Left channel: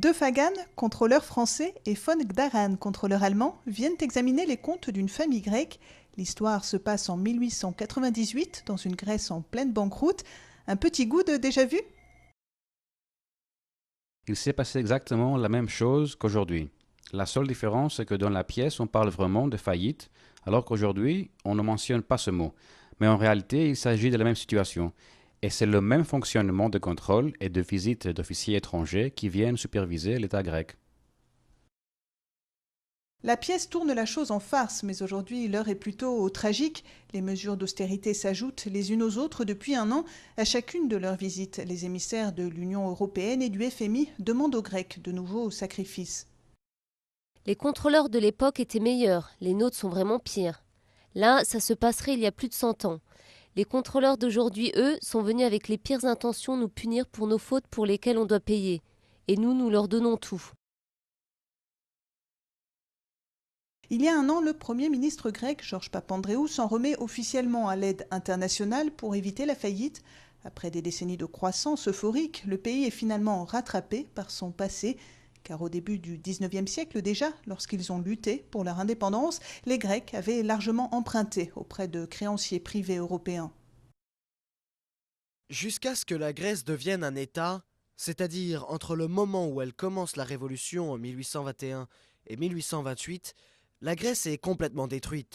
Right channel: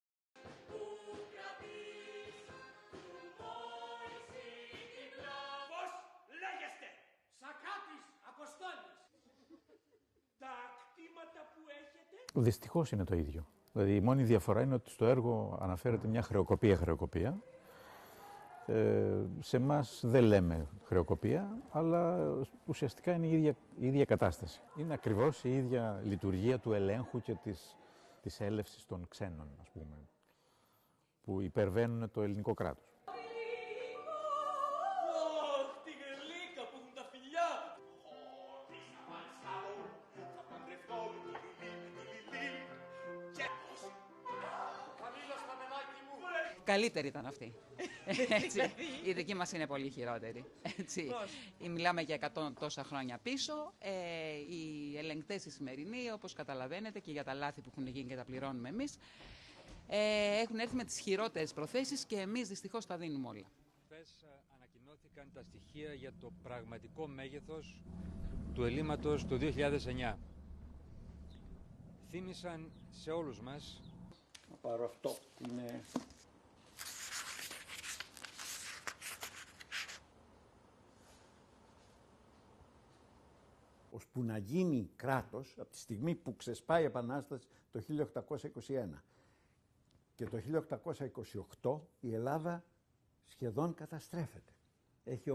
Deux Fagan, contrôleurs français, et von Gdaran, contrôleur allemand, viennent examiner les comptes d'une famille grecque. L'histoire se passe en 1898, dans une Grèce en pleine banqueroute. Un petit goût de déjà-vu ? Il s'est passé exactement la même chose qu'aujourd'hui. La seule différence, c'est que dans la pièce, on parle vraiment de faillite, alors qu'aujourd'hui, on ne mentionne pas ce mot. Mais en réalité, il s'agit de la même situation. Et c'est le même fonctionnement de contrôle et de visite d'officiers étrangers qui viennent superviser l'État grec. La pièce tourne la chose en farce, mais aujourd'hui l'heure est plutôt au tragique. Les mesures d'austérité s'ajoutent les unes aux autres depuis un an. À chacune de leurs visites, les émissaires de l'Union européenne et du FMI demandent aux Grecs de nouveaux sacrifices. Les contrôleurs de l'époque étaient meilleurs, les nôtres sont vraiment pires. Là, ça se passerait il y a plus de 100 ans. Les contrôleurs d'aujourd'hui, eux, sont venus avec les pires intentions nous punir pour nos fautes pour lesquelles on doit payer. Et nous leur donnons tout. Il y a un an, le Premier ministre grec, Georges Papandréou, s'en remet officiellement à l'aide internationale pour éviter la faillite. Après des décennies de croissance euphorique, le pays est finalement rattrapé par son passé. Car au début du 19e siècle déjà, lorsqu'ils ont lutté pour leur indépendance, les Grecs avaient largement emprunté auprès de créanciers privés européens. Jusqu'à ce que la Grèce devienne un État, c'est-à-dire entre le moment où elle commence la révolution en 1821 et 1828, la Grèce est complètement détruite.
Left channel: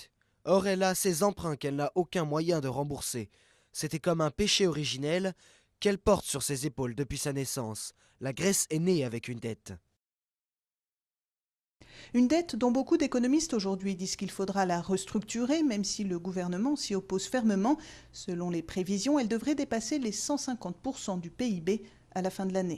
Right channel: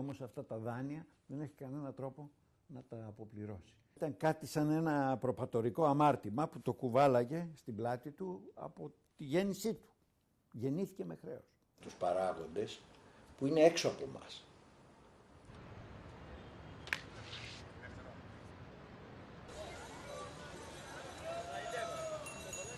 Or, elle a ses emprunts qu'elle n'a aucun moyen de rembourser. C'était comme un péché originel qu'elle porte sur ses épaules depuis sa naissance. La Grèce est née avec une dette. Une dette dont beaucoup d'économistes aujourd'hui disent qu'il faudra la restructurer, même si le gouvernement s'y oppose fermement. Selon les prévisions, elle devrait dépasser les 150% du PIB à la fin de l'année.